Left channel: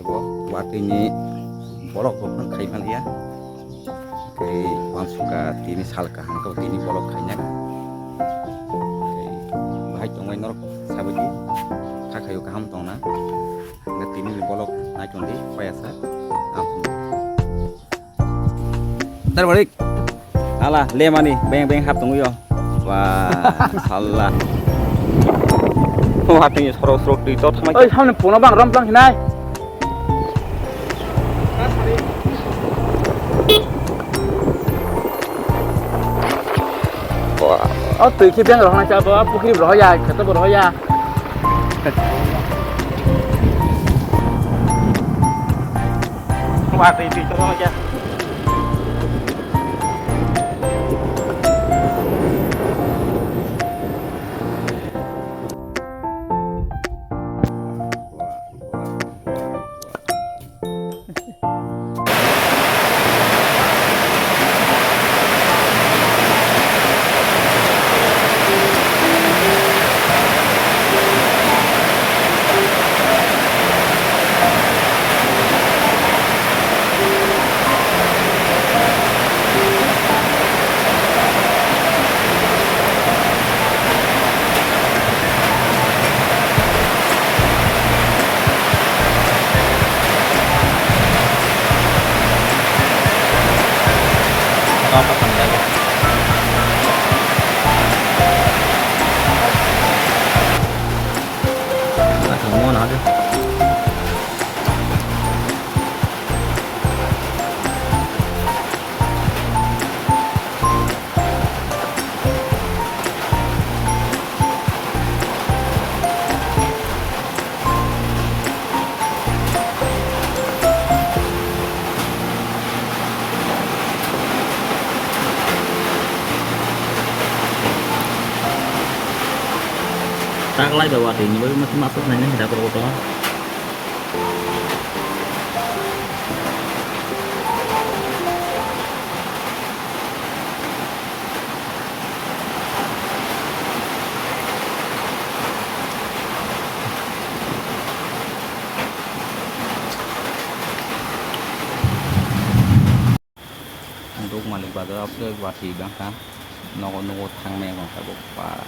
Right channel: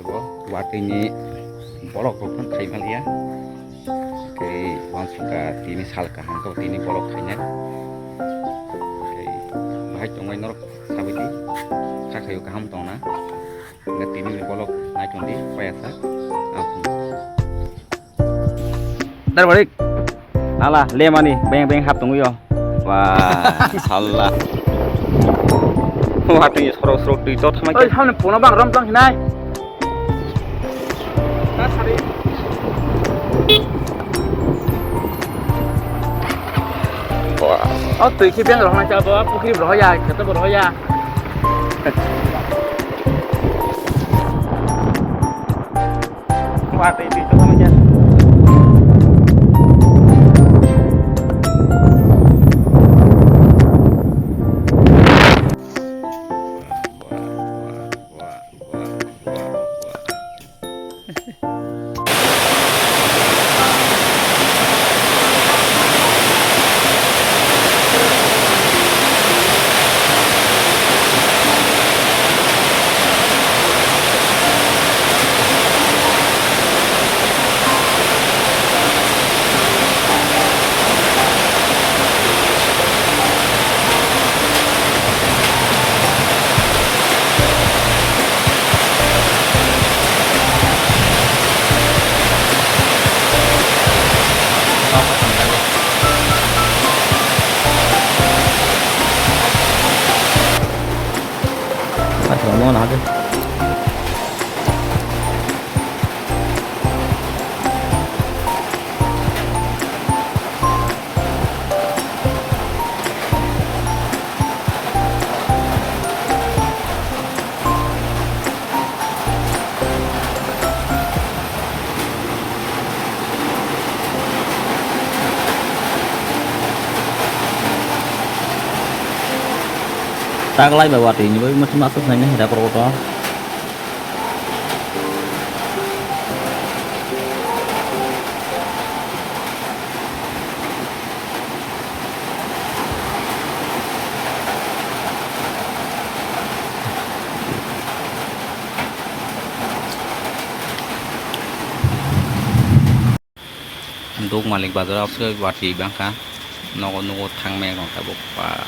kebo watini bolok rokman khai malia ke wansuka tini salka hangkau tini bolok khainya ke bahai tongwai norok sabidi khakayu kaham tongna ngat tini bolok naikondi payasa ampun dar balik alah lemani beng hap tunggu yo wah salah hati sorok di tot sama ơi sao phụ nó bằng râm râm thế này tùy khi bên rồi mà cho có khi bỏ ra cái tôi bỏ ra qua tùy cho nó nha mau nào đi tak lagi bawa ini baru masih masuk nanya ada perokok untuk malik badar aku wati bangka nongol thang meng kong tabuk pa